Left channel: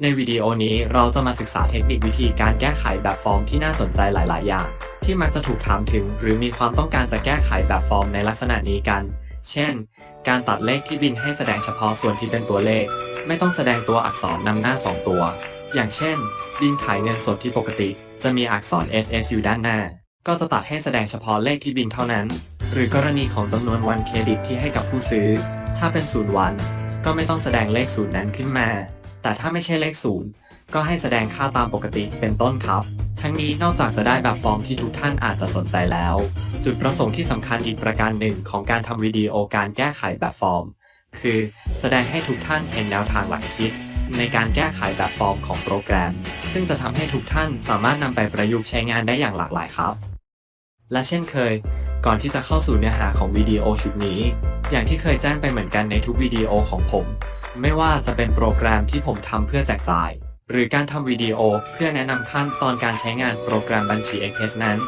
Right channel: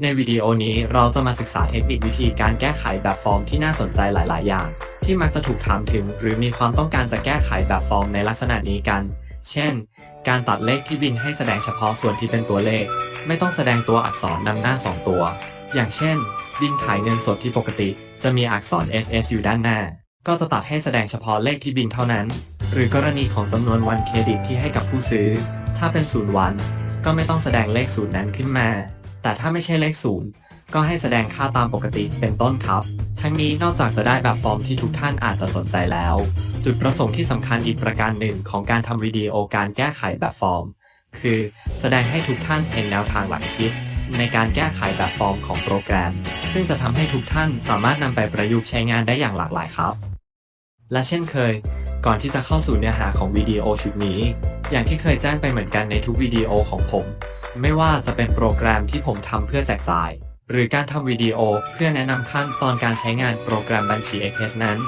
ในวิดีโอนี้เราจะมาศึกษาเทคนิควิธีการแก้ไขแบบฟอร์มที่น่าสนใจหลาย ๆ อย่าง ที่มักจะถูกถามถึง หรือมีความต้องการจะแก้ไขแบบฟอร์มในลักษณะนี้กัน เช่น การตัดเลขที่บินให้แสดงเฉพาะส่วนที่เป็นตัวเลข ไม่ต้องแสดงตัวอักษรนำหน้า 2 ตัว อย่างเช่น บินขายเงินสดที่ปกติ จะมีอักษร SS อยู่ด้านหน้า ก็จะตัดให้แสดงเฉพาะเลขที่บินเท่านั้น หรือกรณีของจำนวนวันเครดิตที่ให้กับผู้ซื้อ ถ้าเป็นศูนย์วัน ก็ไม่ต้องแสดงเลขศูนย์นั้นขึ้นมา แต่ถ้าไม่ใช่เลขศูนย์ก็ให้แสดงค่าตามปกติเป็นต้นครับ ทั้งนี้นอกจากจะได้แบบฟอร์มที่ทุกท่านอาจจะสนใจแล้ว จุดประสงค์ที่สำคัญอีกประการหนึ่งของการทำวิดีโอการแก้ไขแบบฟอร์ม คือแสดงให้ทุกท่านเห็นแนวทางหลักคิด ในการแก้ไขแบบฟอร์มของโปรแกรม ซึ่งจะทำให้ทุกท่านสามารถนำไปประยุกต์ใช้งานได้อย่างหลากหลายครับ และเช่นเคย ก่อนที่จะเข้าสู่เนื้อหาของวิดีโอชุดนี้ อย่างที่เคยแจ้งไปเหมือนกันในทุกวิดีโอของผม ไม่ว่าจะเป็นโปรแกรมที่ผมทำเพื่อแจกจ่าย หรือการทำวิดีโอเพื่อแนะนำขั้นตอนการใช้งานโปรแกรมบัญชี Express นั้น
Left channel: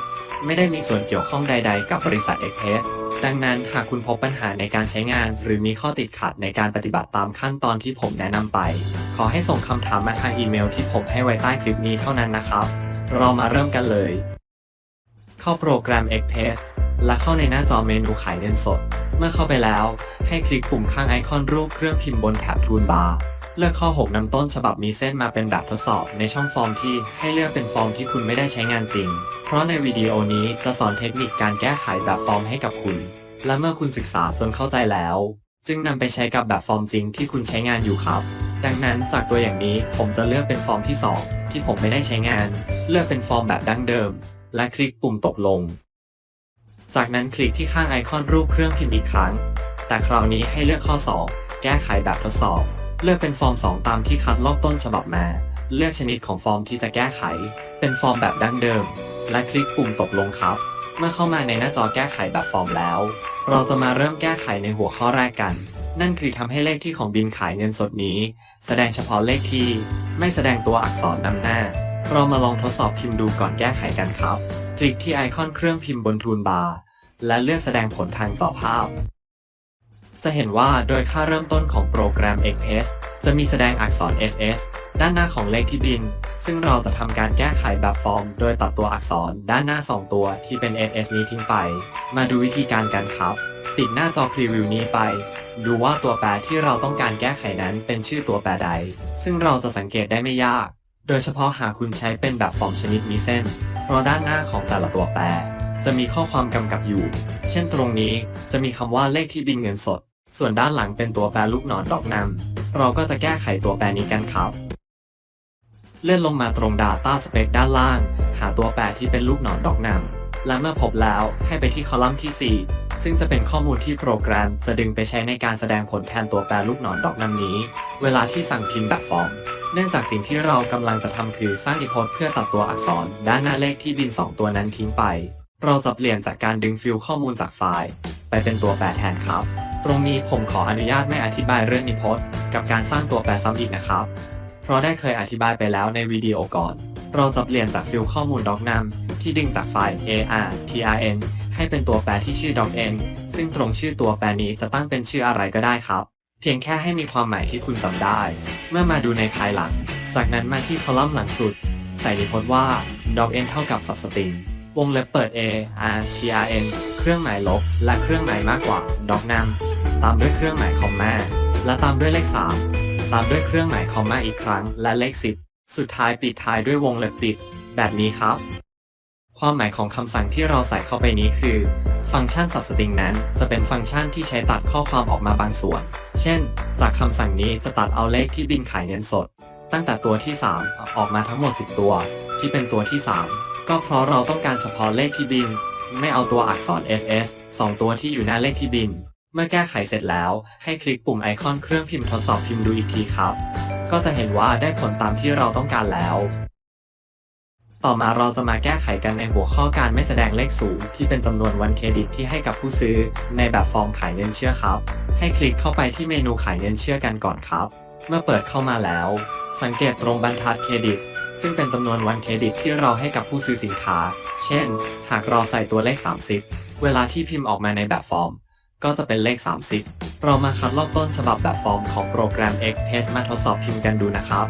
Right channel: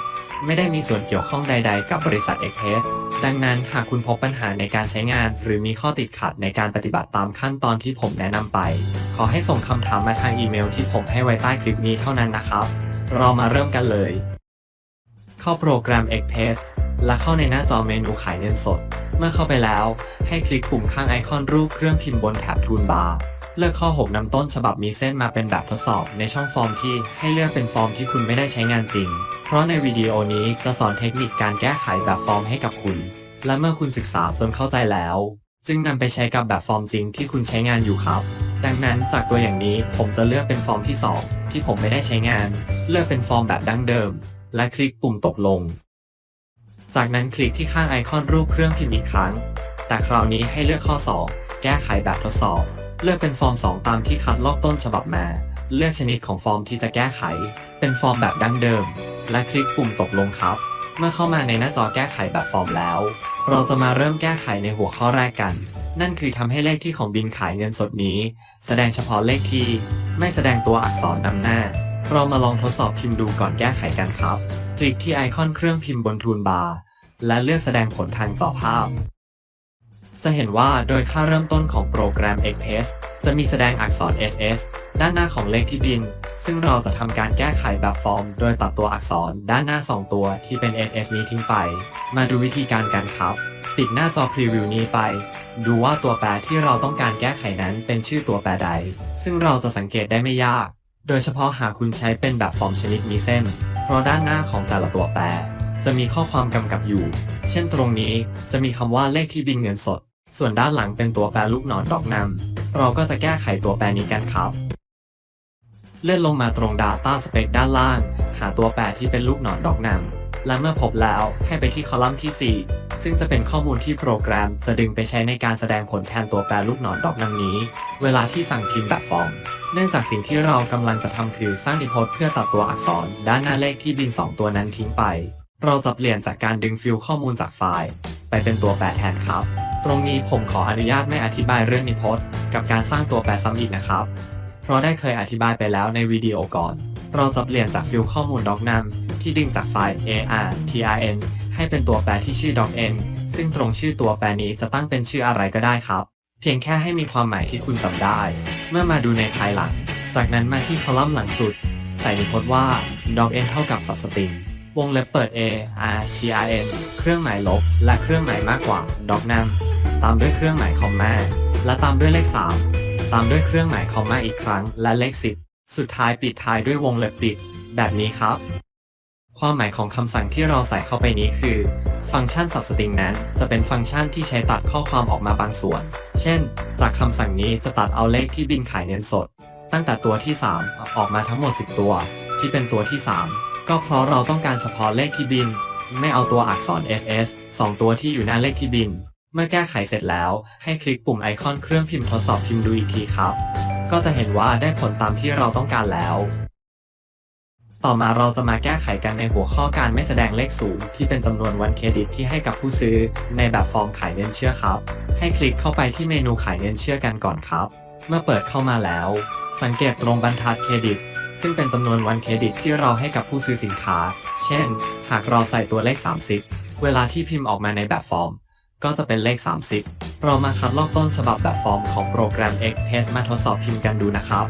ไม่ได้มีส่วนเกี่ยวข้องใด ๆ กับบริษัท Express ดังนั้นหากคุณพบปัญหาในการใช้งาน หรือมีข้อติดขัดในการปฏิบัติตามขั้นตอนที่ผมแนะนำไป ขอให้ส่งคำถามมาทางอีเมลที่ผมให้ไว้ใต้คลิปนี้เท่านั้นนะครับ เรามาเริ่มกันเลย เข้าโปรแกรม Express และเข้าในหน้าจอเมนูขายเงินสด เมื่อเข้าไปแล้ว ให้คลิกปุ่มข้างไอคอนรูปเครื่องพิมพ์บนแถบทูลบาร์เลือกข้อ 6นำต้นฉบับมีเส้นมาเป็นแบบทดสอบในช่องฟอร์มที่ให้เลือกเป็นฟอร์มที่คุณไม่ได้ใช้งานจริง เพราะในวิดีโอนี้จะสอนเทคนิคการแก้ไขแบบฟอร์มให้กับคุณ และเมื่อคุณศึกษาจนเข้าใจแล้ว จึงนำไปใช้กับแบบฟอร์มจริงที่คุณใช้งานอยู่ครับ ดังนั้นจากตัวอย่างนี้ผมจะเลือกเป็นฟอร์มที่ 2 ที่ผมไม่ได้ใช้งาน เลือกเป็นฟอร์มแบบดั้งเดิม และคลิกปุ่มตกลง จากนั้นคลิกที่ข้างไอคอนรูปเครื่องพิมพ์อีกครั้ง แต่คราวนี้ให้เลือกข้อ 2 แก้ไขแบบทดสอบ เลือกเป็นฟอร์ม 2 ตามที่คัดลอกต้นฉบับมา เลือกชนิดของฟอร์มที่จะแก้ไข เป็นฟอร์มแบบดั้งเดิม และคลิกปุ่มตกลงครับ เมื่อเข้ามาในหน้าจอแก้ไขแบบฟอร์มแล้ว เราจะมาเริ่มแก้ไขในหัวข้อแรกกัน นั่นคือทำให้เลขที่ของบินขายเงินสดนี้ แสดงเฉพาะเลขที่ ไม่แสดงตัวอักษรนำหน้า เรามาลองทดสอบพิมพ์ดูก่อนแก้ไขกันครับ คลิกที่ไอคอนเครื่องพิมพ์บนทูลบาร์และเลือกแสดงผลทางจอภาพ จะเห็นว่าโดยค่าเริ่มต้นของโปรแกรม Express จะมีแสดงอักษร SS ด้านหน้าของเลขที่บิน ซึ่งเราจะทำการแก้ไขแบบฟอร์ม โดยตัดตัวอักษรด้านหน้า 2 ตัวที่เป็น SS นี้ทิ้งไป มาดูวิธีการกันครับปิดหน้าจอพรีวิวนี้ไป ดูว่าตัวแปรที่เราต้องการแก้ไขนั้นเป็นชื่อตัวแปรใด ซึ่งเราจะสังเกตได้ไม่ยาก โดยเฉพาะหากคุณใช้เป็นแบบฟอร์มชนิดมีเส้น เพราะด้านหน้าของแต่ละตัวแปร จะมีข้อความกำกับอยู่ เช่นตรงนี้จะมีคำว่าเลขที่บินเงินสด ส่วนด้านหลังเป็นตัวแปรลูกหนอนดอกนำเราก็จะแก้ไขตัวแปรนี้กันครับ เลื่อนลงมาตรง Data Spec ด้านล่าง หาตัวแปรที่เป็นลูกหนอนดอกนำ และเมื่อพบแล้วให้ไปที่คอลัมน์ที่ 4 ซึ่งจะเป็นข้อมูลที่โปรแกรมจะดึงไปใช้ในการแสดงผลแทนตัวแปรลูกศรดอกนำนี้ เวลาที่สั่งพิมพ์แบบฟอร์ม เนื่องจากสิ่งที่เรากำลังจะทำคือสร้างอินพุตเพื่อตัดตัวอักษร ด้านหน้าเลขที่บิน 2 ตัวนั้นทิ้งไป เราจะเปลี่ยนจากการดึงฟิลข้อมูลจากไฟล์ ไปเป็นตัวแปรแทนครับ ตรงนี้ผมขออนุญาตไม่อธิบายเรื่องนิพจน์กับการสร้างตัวแปรซ้ำอีกนะครับ เพราะได้เคยอธิบายไปแล้วในวิดีโอก่อน เราจะเปลี่ยนจากฟิลข้อมูล doc num ที่ดึงจากไฟล์ ar trn ให้เป็นตัวแปรที่ชื่อ doc n ซึ่งตรงชื่อตัวแปรนี้จะตั้งเป็นชื่ออะไรก็ได้ครับ เพียงแค่ให้มีความหมายที่คุณจำได้ เมื่อมาดูในภายหลัง จากนั้นมาที่คอลัมน์หลังสุด ใส่นิพจน์ว่า doc n เท่ากับ substring วงเล็บเปิด a r t r n เครื่องหมายลบ และเครื่องหมายมากกว่า doc num ตามด้วยเครื่องหมายคอมมาและตามด้วยเลข 3 ตามด้วยเครื่องหมายคอมมาอีกครั้งและเลข 10 สุดท้ายปิดท้ายด้วยวงเล็บปิด แบบนี้ครับ ความหมายของคำสั่งที่เราใส่เข้าไปนี้คือ ฟังก์ชัน substring นั้น จะเป็นฟังก์ชันที่ใช้ตัดข้อความออกมาบางส่วน เช่น จากคำสั่งนี้จะตัดเอาเลขที่บินขายเงินสด ตั้งแต่ตัวที่ 3 ออกมาทั้งหมด 10 ตัว ที่เป็นตัวที่ 3 ก็เพราะเราต้องการเฉพาะเลขที่บิน ไม่เอาตัวอักษร SS 2 ตัวที่อยู่หน้าเลขที่บิน เมื่อแก้ไขเสร็จแล้ว ให้คลิกปุ่มไอคอนเครื่องพิมพ์ทดสอบพิมพ์ดูอีกทีครับ ก็จะเห็นว่าได้ผลตามที่เราต้องการแล้ว ต่อมาเราจะมาแก้ไขกันในหัวข้อการไม่แสดงเลขสูงที่เป็นจำนวนวันเครดิตที่ให้กับผู้ซื้อ ในแบบฟอร์มขายเงินเชื่อครับ ให้คลิกเข้าไปที่เมนูขายเงินเชื่อกันก่อนครับ เมื่อเปิดเข้ามาแล้ว สังเกตตรงบรรทัดเครดิต ซึ่งเป็นจำนวนวันเครดิตที่เราให้กับผู้ซื้อสินค้า เช่น หากเราใส่ตัวเลข 30 เวลาที่พิมพ์ออกมาในแบบฟอร์ม ก็จะเป็นเลข 30 เรามาคัดลอกต้นฉบับแบบฟอร์มของโปรแกรม Express มาทดสอบพิมพ์กันดูนะครับ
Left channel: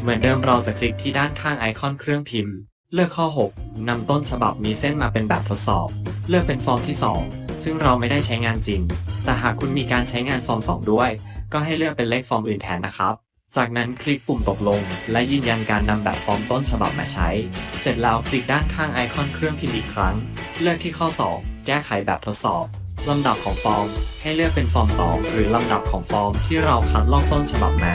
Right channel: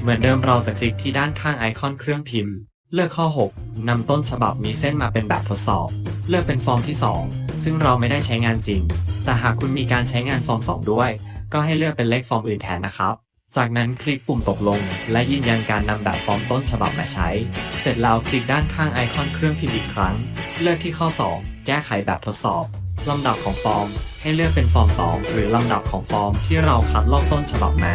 เหมือนเดิมเราจะคลิกที่ด้านข้างไอคอนเครื่องพิมพ์ เลือกข้อ 6นำต้นฉบับมีเส้นมาเป็นแบบทดสอบ เลือกเป็นฟอร์มที่ 2 ซึ่งเราไม่ได้ใช้งานจริง แต่หากคุณมีการใช้งานฟอร์ม 2 ด้วย ก็ให้เลือกเป็นเลขฟอร์มอื่นแทนนะครับ จากนั้นคลิกปุ่มตกลง และยืนยันการนำแบบฟอร์มต้นฉบับมาใช้ เสร็จแล้วคลิกด้านข้างไอคอนเครื่องพิมพ์อีกครั้ง เลือกที่ข้อ 2 แก้ไขแบบทดสอบลำดับของฟอร์ม ให้เลือกเป็นฟอร์ม 2 หรือลำดับของฟอร์มที่เราคัดลอกต้นฉบับมา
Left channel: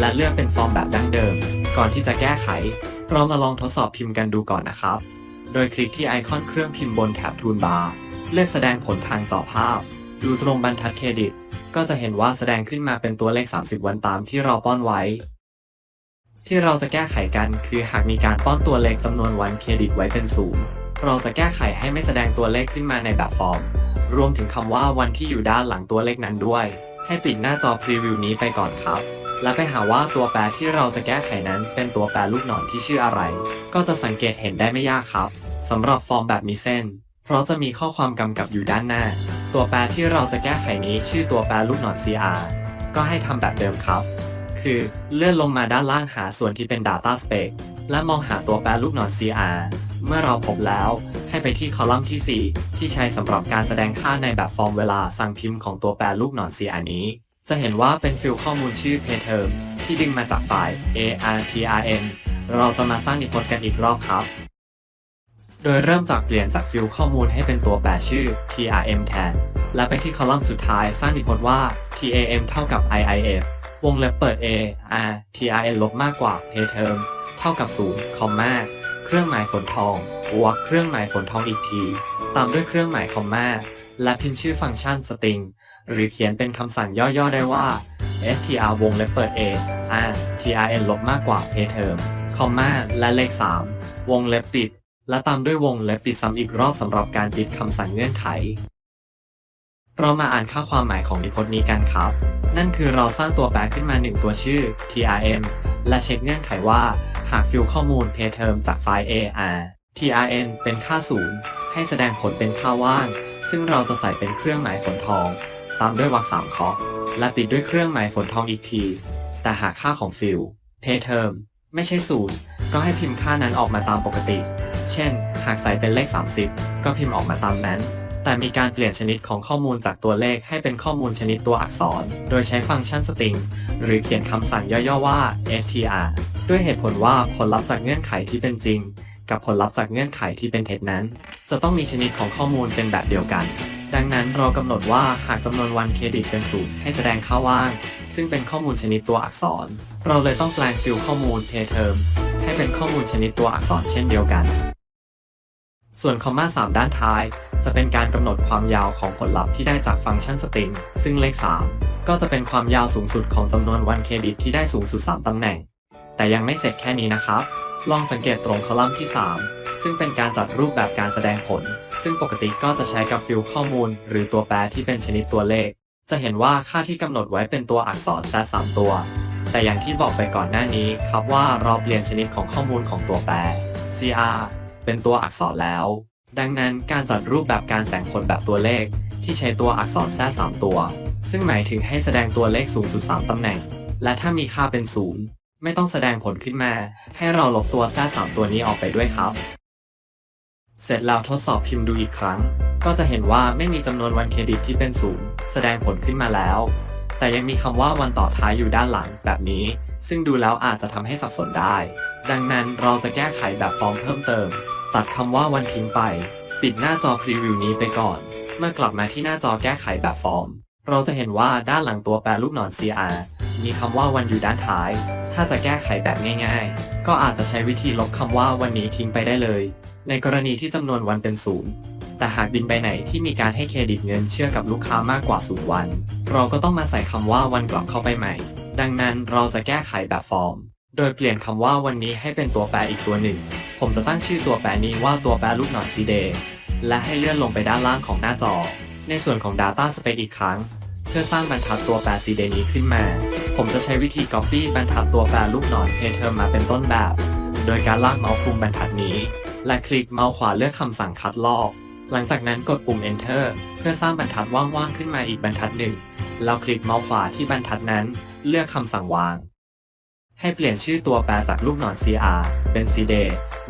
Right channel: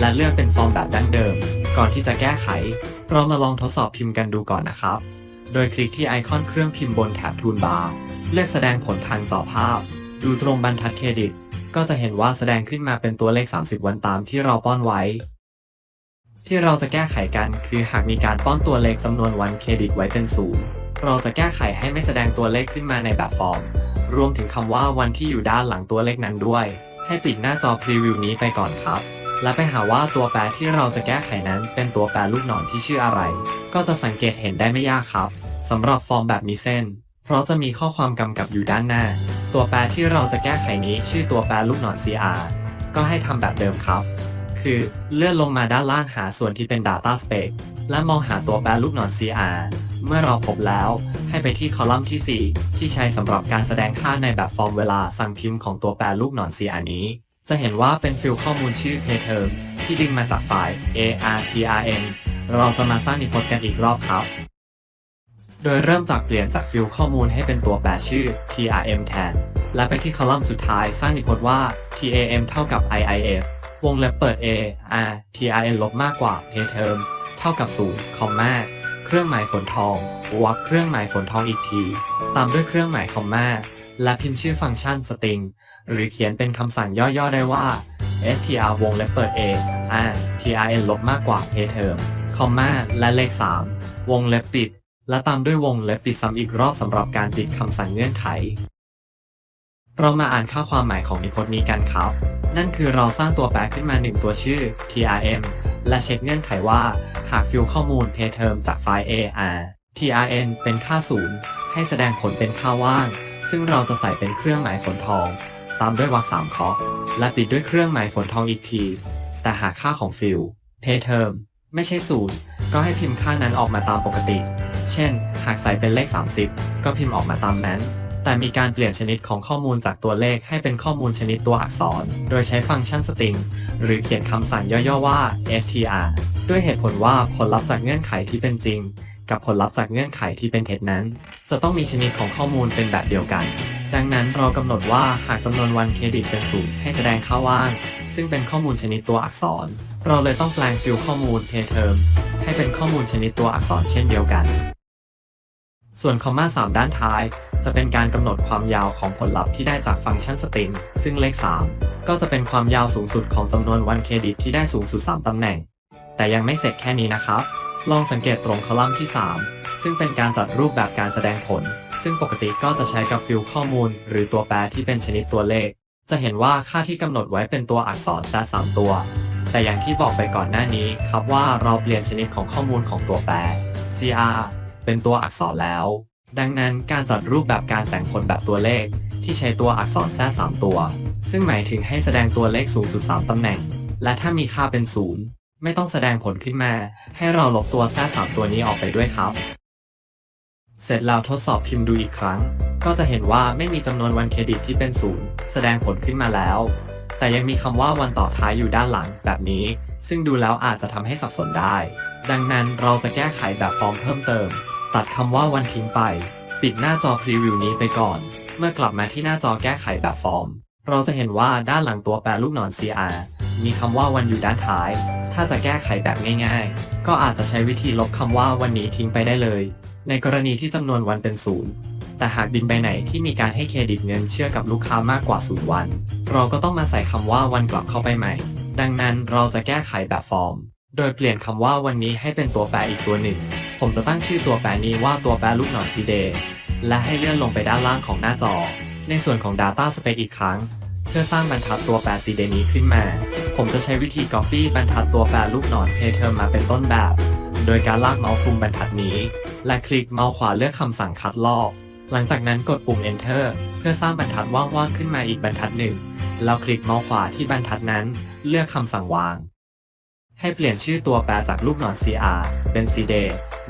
และเลือกเป็นฟอร์มแบบดั้งเดิม ก่อนที่จะแก้ไข เรามาลองทดสอบพิมพ์กันดูก่อนนะครับ โดยคลิกที่ไอคอนเครื่องพิมพ์บนแถบทูลบาร์ เลือกแสดงผลทางจอภาพ ดูตรงบรรทัดเครดิต ก็จะเห็นว่าแสดงขึ้นมาเป็นตัวเลข 30 วันตามที่เราป้อนไว้ ที่เราจะแก้ไขกันคือหากมีการป้อนตัวเลขจำนวนวันเครดิตไว้เป็นศูนย์เราจะแก้ไขให้ไม่แสดงตัวเลขขึ้นมาในแบบฟอร์ม รวมถึงคำว่าวันที่อยู่ด้านหลังตัวเลขนั้นด้วย ให้ปิดหน้าจอพรีวิวนี้ไปก่อนครับ และไปหาว่าตัวแปรที่เราจะแก้ไขนั้นเป็นตัวแปรลูกศรที่ชื่ออะไร ก็จะสังเกตเห็นได้ไม่ยากครับสำหรับฟอร์มแบบมีเส้น เพราะจะมีข้อความกำกับอยู่ด้านหน้า ตัวแปรที่เราจะแก้ไขนี้ชื่อตัวแปรลูกศร CR ก็ให้ทำแบบเดิมครับ คือเลื่อนลงมาด้านล่างหาส่วนที่เป็น Data Space และมองหาตัวแปรลูกศร CR เมื่อเราพบแล้วให้ไปที่คอลัมน์ที่ 4 ที่ใช้สำหรับการแสดงค่าในแบบฟอร์มเวลาสั่งพิมพ์ของตัวแปรลูกศร CR นี้ จะเห็นว่าเป็นฟิลข้อมูลชื่อ payterm ที่ดึงมาจากไฟล์ artrm เราจะมาสร้างนิพจน์กันอีกรอบครับ โดยเริ่มจากเปลี่ยนจากฟิลข้อมูลให้เป็นตัวแปรชื่อ trm แทน และไปที่คอลัมน์สุดท้ายสร้างนิพจน์ว่า tam เท่ากับ iif วงเล็บเปิด a r trn ลบมากกว่า payterm เท่ากับ0คอมมาเครื่องหมายฝนทองวรรคเครื่องหมายฝนทองอีกที ตามด้วยเครื่องหมายคอมมาและพิมพ์ชื่อฟังก์ชัน string หรือเขียนเป็นคำสั่งย่อๆได้ว่า str วงเล็บเปิด a r trn ลบมากกว่า a term คอมมาและเลข 3 วงเล็บปิด และตามด้วยวงเล็บปิดซ้ำอีกรอบสำหรับการปิดคำสั่งเงื่อนไข เรามาอ่านค่าความหมายของนิพจน์นี้กันครับ นั่นคือเราสร้างตัวแปรขึ้นมา 1 ตัวชื่อ trm และเช็คเงื่อนไขว่า หากฟิลข้อมูล a term จากไฟล์ ar trn เป็นค่าศูนย์ให้แสดงผลเป็นค่าว่าง ซึ่งเราจะใส่เป็นเครื่องหมายฝนทอง ตามด้วยวรรคสามเคาะและปิดด้วยเครื่องหมายฝนทองอีกที แต่หากค่าของฟิล payterm ไม่ใช่ศูนย์ก็ให้พิมพ์ค่านั้นออกมาตามปกติ เช่น หากใส่เป็นเลข 30 ก็พิมพ์ออกมาตามนั้น แต่มีการเปลี่ยนชนิดของข้อมูลจากตัวเลขให้เป็นข้อมูลชนิดตัวอักษร โดยใช้ฟังก์ชัน string หรือเขียนคำสั่งย่อๆว่า str ด้วยเหตุผลว่าผลลัพธ์จากเงื่อนไขที่เป็นจริง กับผลลัพธ์จากเงื่อนไขที่เป็นเท็จนั้น จะต้องมีชนิดของข้อมูลเป็นแบบเดียวกัน ดังนั้นเรากำหนดว่าหากจำนวนวันเครดิตเป็นศูนย์ให้แสดงค่าว่าง ซึ่งเป็นข้อมูลชนิดตัวอักษร เราเลยต้องแปลงฟิลข้อมูล pay term ให้เป็นข้อมูลชนิดตัวอักษรเช่นเดียวกัน ส่วนคอมมา3ด้านท้าย จะเป็นการกำหนดความยาวของผลลัพธ์ที่ได้จากฟังก์ชัน string ซึ่งเลข 3 ก็จะเป็นความยาวสูงสุดของจำนวนวันเครดิตที่ได้สูงสุด 3ตำแหน่ง แต่ยังไม่เสร็จแค่นี้นะครับ ลองสังเกตตรงคอลัมน์ที่ 3 ซึ่งเป็นการจัดรูปแบบการแสดงผล ซึ่งปกติก็จะใช้กับฟิลข้อมูล หรือตัวแปรที่เป็นชนิดตัวเลข จะเห็นว่าค่าที่กำหนดไว้เป็นตัวอักษรแซสามตัว แต่อย่างที่บอกไปก่อนหน้านี้ครับว่าเราเปลี่ยนชนิดของข้อมูลของตัวแปร CR เป็นตัวอักษรแล้ว ดังนั้นการจัดรูปแบบการแสดงผลแบบตัวเลข ที่ใช้ตัวอักษรแทรกสามตัว ซึ่งหมายถึงให้แสดงตัวเลขสูงสุด3ตำแหน่ง และถ้ามีค่าเป็นศูนย์ไม่ต้องแสดงผลขึ้นมา ให้เราลบตัวแทรกสามตัวนี้ออกไปด้วยครับ เสร็จแล้วทดสอบพิมพ์ดูอีกครั้ง ก็จะเห็นว่าไม่มีจำนวนวันเครดิตที่เป็นศูนย์แสดงผลขึ้นมาแล้ว แต่ยังมีคำว่าวันต่อท้ายอยู่ด้านหลังแบบนี้ ซึ่งดูแล้วอาจจะทำให้สับสนได้ ดังนั้นเราจะแก้ไขแบบฟอร์มเพิ่มเติม ตัดคำว่าวันทิ้งไป ปิดหน้าจอพรีวิวนี้ไปก่อน เมื่อกลับมาที่หน้าจอแก้ไขแบบฟอร์ม เราจะเห็นว่าด้านหลังตัวแปรรูปหนอน CR มีคำว่าวันอยู่ด้านท้าย ถ้าจะแก้ไขแบบง่าย ๆ ก็อาจจะใช้วิธีลบคำว่าวันนี้ทิ้งไปได้เลย ในกรณีที่จำนวนวันเป็นศูนย์แต่หากบินไปไหนที่มีการให้เครดิตเงินเชื่อกับลูกค้ามากกว่าศูนย์วัน เราก็ต้องมาใส่คำว่าวันกลับเข้าไปใหม่ ดังนั้นเราจะแก้ไขแบบฟอร์ม โดยเปลี่ยนคำว่าวันนี้ให้เป็นตัวแปรอีกตัวหนึ่ง ผมจะตั้งชื่อตัวแปรนี้ว่าตัวแปรลูกหนอน CD และให้เลื่อนลงไปด้านล่างของหน้าจอ ในส่วนของ Data Space อีกครั้ง เพื่อสร้างบรรทัดตัวแปร CD นี้ขึ้นมา ผมจะใช้วิธี Copy บรรทัดตัวแปรลูกหนอน Payterm มาเป็นต้นแบบ โดยการลากเมาส์คลุมบรรทัดนี้ และคลิกเมาส์ขวาเลือกคำสั่งคัดลอก หลังจากนั้นกดปุ่ม Enter เพื่อสร้างบรรทัดว่างๆขึ้นมาอีกบรรทัดหนึ่ง แล้วคลิกเมาส์ขวาที่บรรทัดนั้น เลือกคำสั่งวาง ให้เปลี่ยนชื่อตัวแปรจากรูปหนอน CR เป็น CDA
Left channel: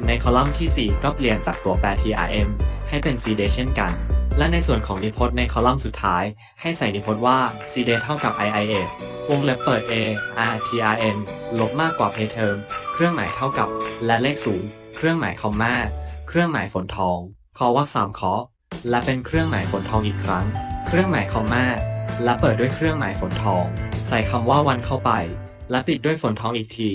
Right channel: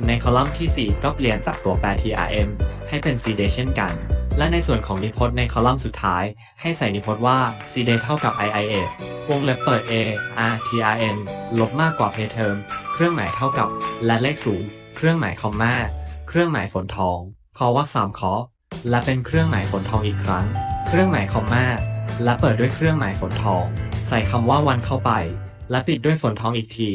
ในคอลัมน์ที่ 4 ก็เปลี่ยนจากตัวแปร TRM ให้เป็น CDA เช่นกัน และในส่วนของนิพจน์ในคอลัมน์สุดท้าย ให้ใส่นิพจน์ว่า CDA เท่ากับ IIA วงเล็บเปิด A R T R N ลบมากกว่า pay term เครื่องหมายเท่ากับและเลขศูนย์ เครื่องหมายคอมมาเครื่องหมายฝนทองคอว่าสามคอและเป็นเครื่องหมายฝนทองอีกครั้ง เครื่องหมายคอมมาและเปิดด้วยเครื่องหมายฝนทอง ใส่คำว่าวันเข้าไป และปิดด้วยฝนทองอีกที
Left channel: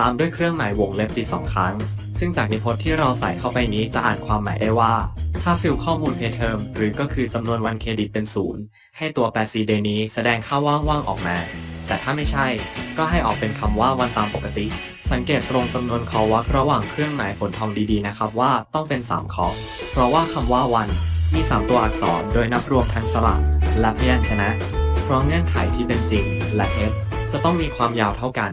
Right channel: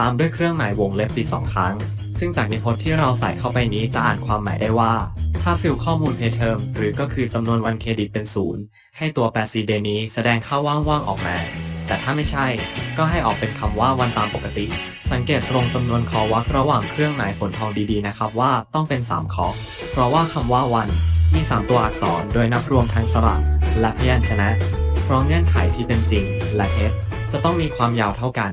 ตามด้วยเครื่องหมายวงเล็บปิดสองครั้ง ซึ่งจากนิพจน์ที่เราใส่เข้าไปนี้จะอ่านความหมายได้ว่า ถ้าฟิลข้อมูล pay term หรือก็คือจำนวนวันเครดิตเป็นศูนย์ให้ตัวแปร c d นี้แสดงค่าว่างๆออกมา แต่ถ้าไม่ใช่ ก็ให้ออกเป็นคำว่าวันตามปกติ สังเกตตรงจำนวนคอวักระหว่างเครื่องหมายฝนทองดีๆนะครับว่าต้องเป็น 3 คอ เพราะว่าคำว่าวันมี 3 ตัวอักษรโดยนับรวมทั้งสระและพยัญชนะ พราะเงื่อนไขที่เป็นจริง และเท็จจะต้องมีความยาวเท่ากัน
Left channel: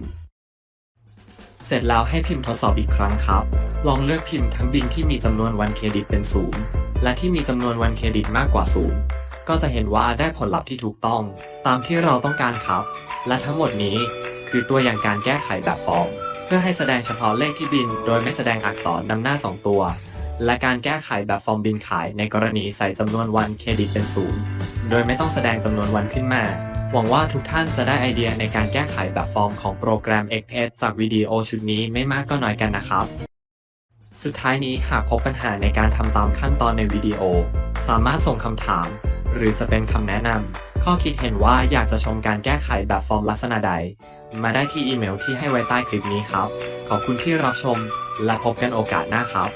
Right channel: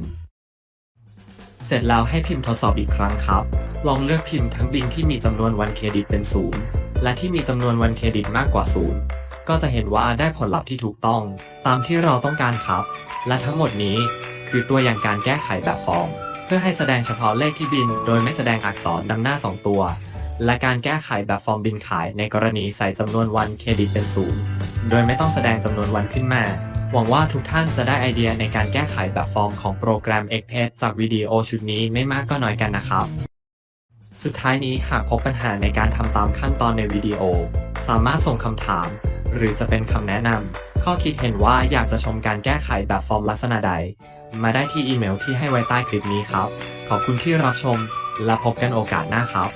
เสร็จแล้วให้พิมพ์ทดสอบอีกครั้งครับ ลองเลือกพิมพ์ทั้งบินที่มีจำนวนวันเครดิตเป็นศูนย์และที่มีจำนวนวันเครดิตมากกว่าศูนย์ก็จะเห็นว่าได้ผลลัพธ์ที่ถูกต้อง ตามที่เราต้องการครับ และทั้งหมดนี้คือตัวอย่างการแก้ไขแบบฟอร์ม พื่อให้แสดงเฉพาะเลขที่บิน โดยไม่แสดงอักษรนำหน้า 2 ตัว และการแก้ไขแบบฟอร์มบินขายในกรณีใส่จำนวนวันเครดิตเป็นศูนย์โดยไม่ต้องแสดงจำนวนวันขึ้นมา หวังว่าทุกท่านจะได้ไอเดียในการแก้ไขแบบฟอร์มของโปรแกรม XPS จากวิดีโอชุดนี้ไม่มากก็น้อยกันนะครับ สุดท้ายนี้หากพบปัญหาในการทำตามขั้นตอนในวิดีโอ สามารถส่งคำถาม หรือจะเป็นคำแนะนำข้อคิดเห็นว่าอยากจะชมการแก้ไขแบบฟอร์มลักษณะใด มาได้ที่อีเมลที่ให้ไว้ใต้คลิปนี้ครับ ขอบคุณที่รับชม และพบกันโอกาสหน้าครับ